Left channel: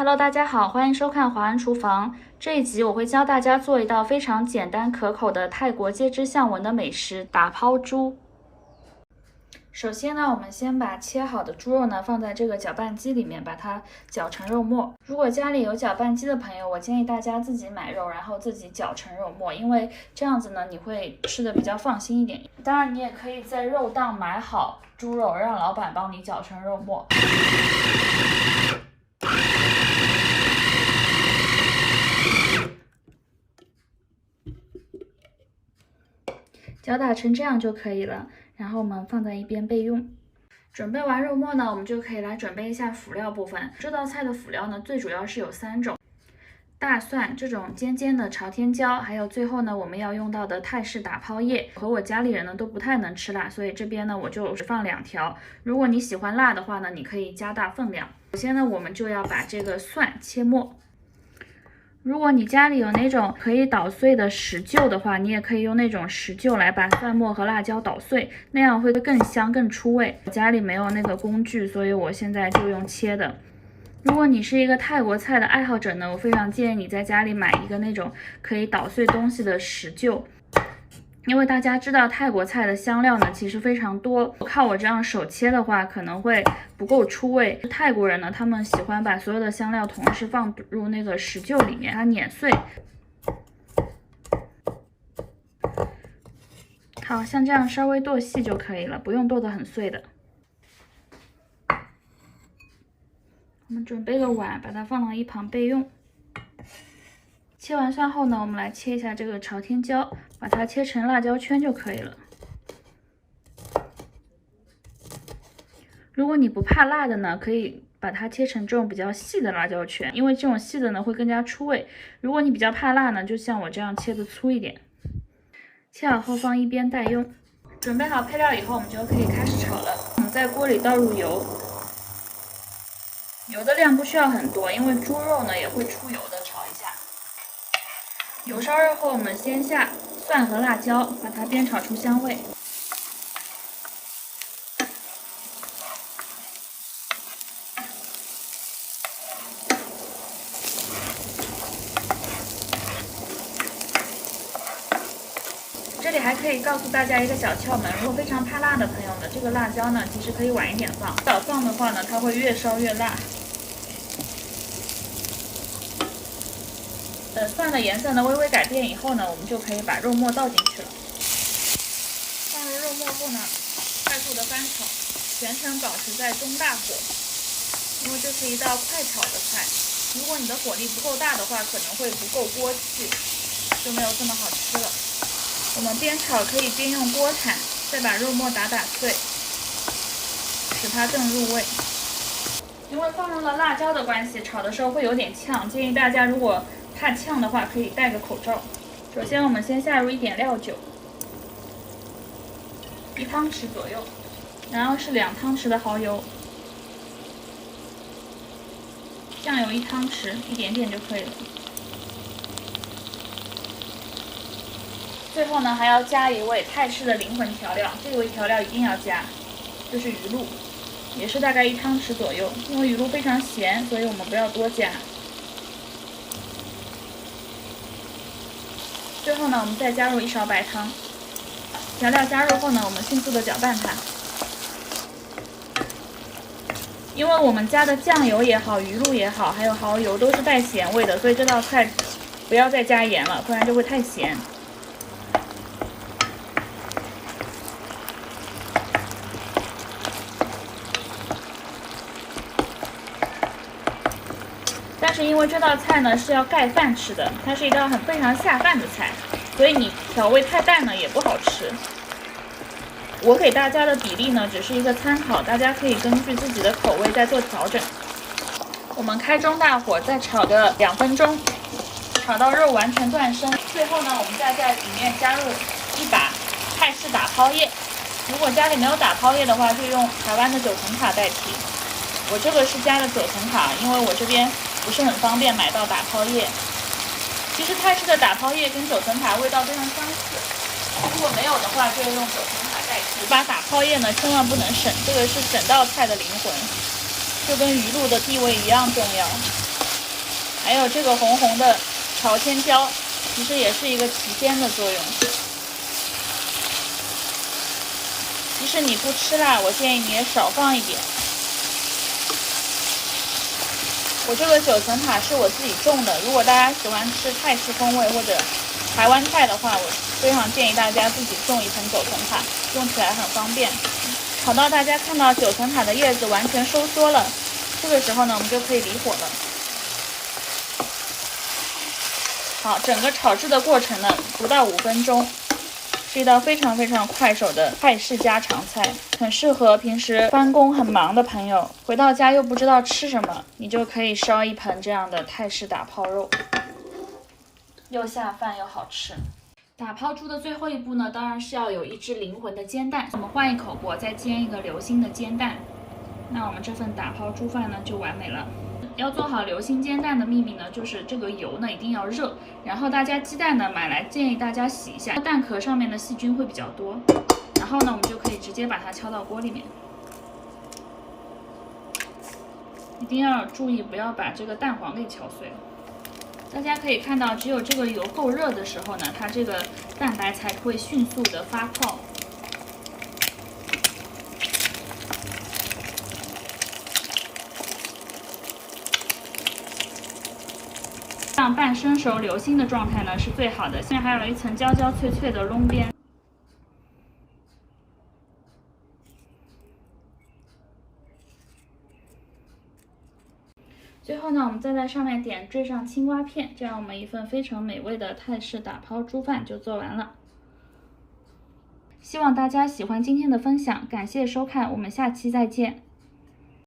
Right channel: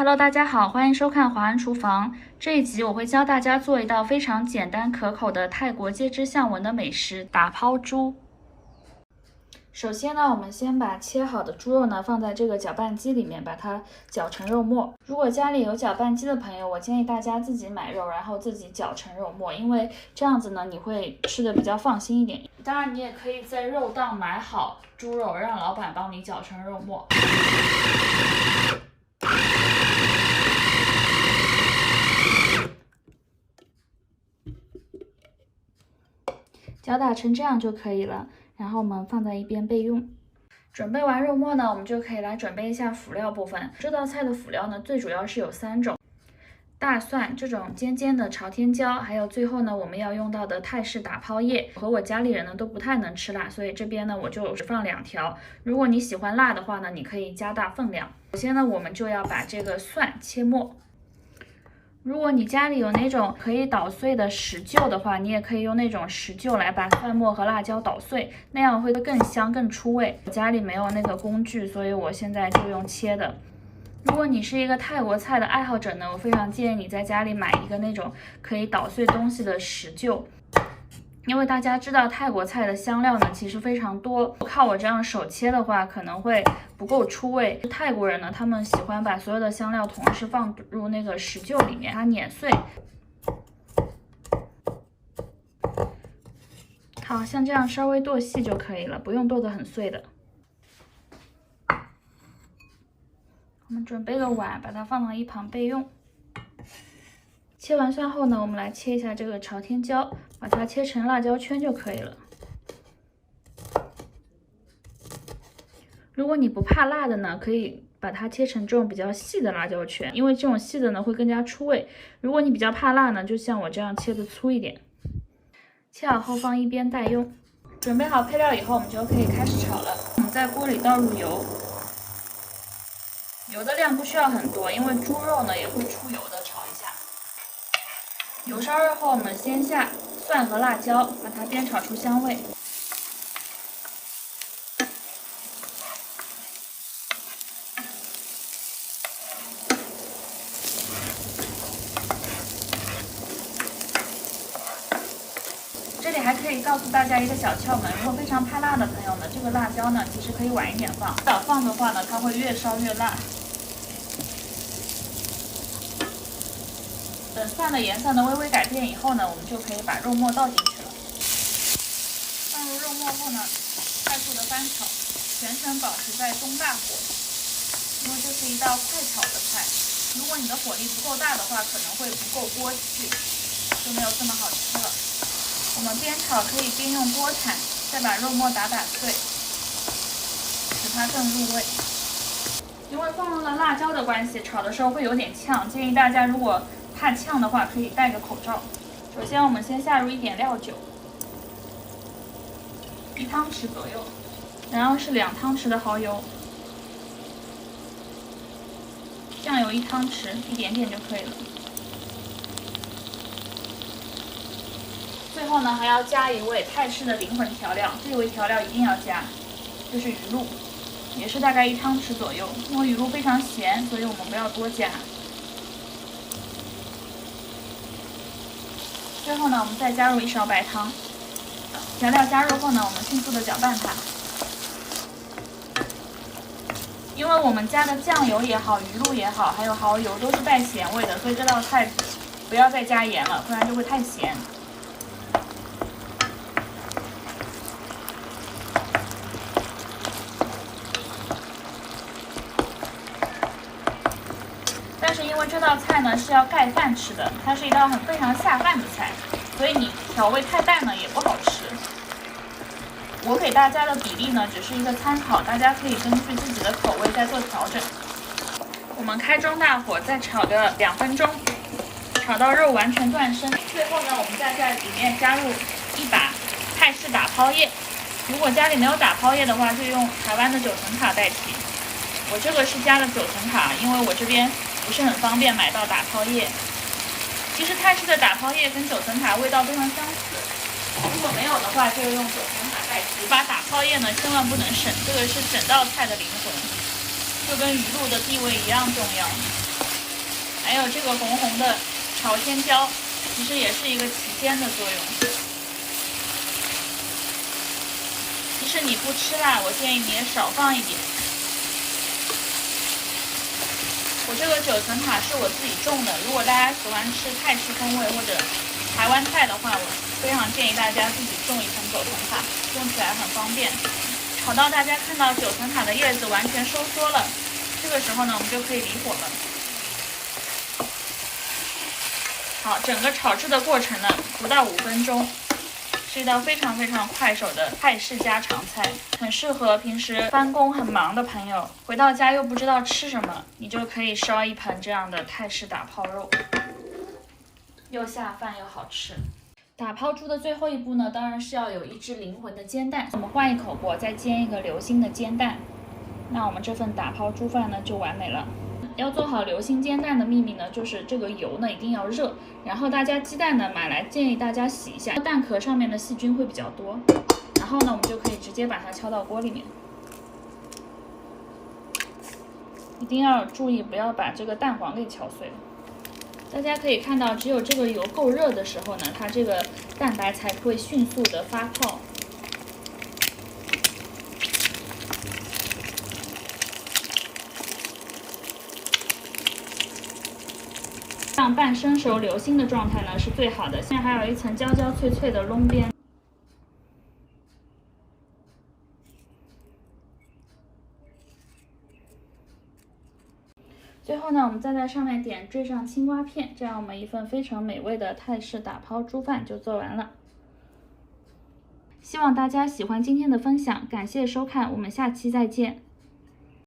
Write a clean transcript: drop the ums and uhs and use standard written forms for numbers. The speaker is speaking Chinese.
Hello，大家好，欢迎收看华安厨房。这一集我会教大家做一道非常简单可口的泰国街知巷闻的美食——打抛猪。首先呢，我们先把切好的猪肉呢放在这个搅拌机里面，把它搅成肉末。如果家里有搅拌机的朋友，我建议大家自己买肉，然后自己搅成肉末，因为这样子呢你会吃的比较放心一点。当然，你也可以在肉档买好猪肉，让老板帮你搅成肉末。搅打成这样就可以了，然后我们放在一边备用。准备完肉末呢，我们就可以来准备一下辅料部分。这道菜的辅料呢，最主要是有3种：大蒜这种尖尖的朝天椒，还有最后呢我们要用到的泰式打抛叶。和我家里人呢都不太能吃辣，所以这边呢我就放2条。如果你喜欢辣的话呢，你可以加大分量。首先呢，我们就要把这个蒜切末。如果你家里有那种可以捣碎的石臼的话，你也可以用那种石臼来把蒜末和辣椒捣碎，那样会更香更出味。我家里没有那个工具，所以我现在就用切的。如果你是一个泰国菜的爱好者呢，我非常建议你在家里买一个那种可以捣碎东西的石臼。因为大家知道泰国菜的香料呢其实非常多，靠我这样手切的话可能会不够出味。泰国人呢，他们喜欢把所有的香料同时放入那个石臼里面，它碾碎。好，像这样稍微剁细就可以了，不用剁得很碎的。我们准备个碗，把它放到一旁备用。切完蒜后呢，我们来切一下这个朝天椒，把它切成辣椒圈就可以了。如果你不怕辣的呢，可以把它切成这种比较细的辣椒圈，因为这种细的呢会更加出味。如果你比较怕辣呢，就像我这样切的粗一点。切好后放一边待用。准备好配料以后，我们就可以开始炒了。我们在锅里倒入油，油的量不需要很多，因为猪肉呢也会出油的，炒一下。油烧热后，我们先下蒜和辣椒，把它煸炒出香味。这里还可以告诉大家一个小窍门，如果非常怕辣的朋友呢，这个辣椒呢其实可以晚一点放，早放的话呢，它会越烧越辣。等蒜的颜色呢微微改变以后呢，我们就可以把肉末倒进去了。放入肉末后呢，快速的翻炒，全程保持在中大火，因为这是一道快炒的菜。如果你的火力不够大的话，可能会不够锅气，就没有这么好吃了。我们边炒可以边用锅铲，再把肉末打碎，使它更入味。因为放入了辣椒的关系，炒的时候会有点呛，建议大家如果怕呛的话，可以戴个口罩。首先，我们先下入一点料酒，1汤匙左右，然后是2汤匙的蚝油，酱油1汤匙，一点点就可以了。最后呢，还要加一味泰式的灵魂调料，这味调料一定要加，就是鱼露，也是大概1汤匙左右。因为鱼露非常咸，所以我们不要多加。最后呢，我们再加入1勺白汤。调料加入后呢，我们迅速的搅拌它。因为我们加的酱油也好，鱼露也好，还有蚝油都是带咸味的，所以这道菜不要再加盐了，不然就会太咸。但是因为这道菜呢是要盖饭吃的，它是一道非常下饭的菜，所以你调味太淡呢也不好吃。我给大家的比例呢只是一个参考，大家可以根据自己的口味再做调整。我们开中大火再炒个2分钟，炒到肉完全断生。最后呢，我们再在里面加入1把泰式打抛叶。如果家里没有打抛叶的话，就用台湾的9层塔代替。我这个是加了9层塔，因为我这边不是很方便买到打抛叶。其实泰式的打抛叶跟9层塔味道非常相似，如果没有的话，就用9层塔代替。把打抛叶呢千万不能省，这个是整道菜的灵魂，就跟鱼露的地位一样重要。还有这个红红的朝天椒，其实也是一个提鲜的作用。即使你不吃辣，我建议你也少放一点。我这个9层塔是我自己种的，如果大家喜欢吃泰式风味或者台湾菜的话，我非常建议大家自己种一层9层塔，用起来很方便。炒到大家看到9层塔的叶子完全收缩了，这个时候呢，我们就可以离火了。好，整个炒制的过程呢，不到5分钟，是一道非常非常快手的泰式家常菜，很适合平时翻工很忙的朋友，回到家又不知道吃什么，你就可以烧一盆这样的泰式打抛肉，又下饭又好吃。打抛猪的最后一步呢，当然是要有一只灵魂的煎蛋。我们换一口锅，再煎一个流心的煎蛋，那我们这份打抛猪饭呢就完美了。要做好流心煎蛋的秘密呢，就是这个油呢一定要热，然后大家鸡蛋呢买来建议大家洗一下，蛋壳上面的细菌会比较多。然后呢，我们就可以直接把它敲到锅里面，一定要注意不要把这个蛋黄给敲碎了。大家可以看到，只有这个油够热的时候呢，它这个蛋白才会迅速的发泡。这样半生熟流心的状态呢是最好的，现在还有一层焦焦脆脆的瓝边。最后呢，我们再在上面点缀上青瓜片，这样我们一份非常美味的泰式打抛猪饭就做完了。希望大家喜欢今天的分享，感谢收看，我们下期再见。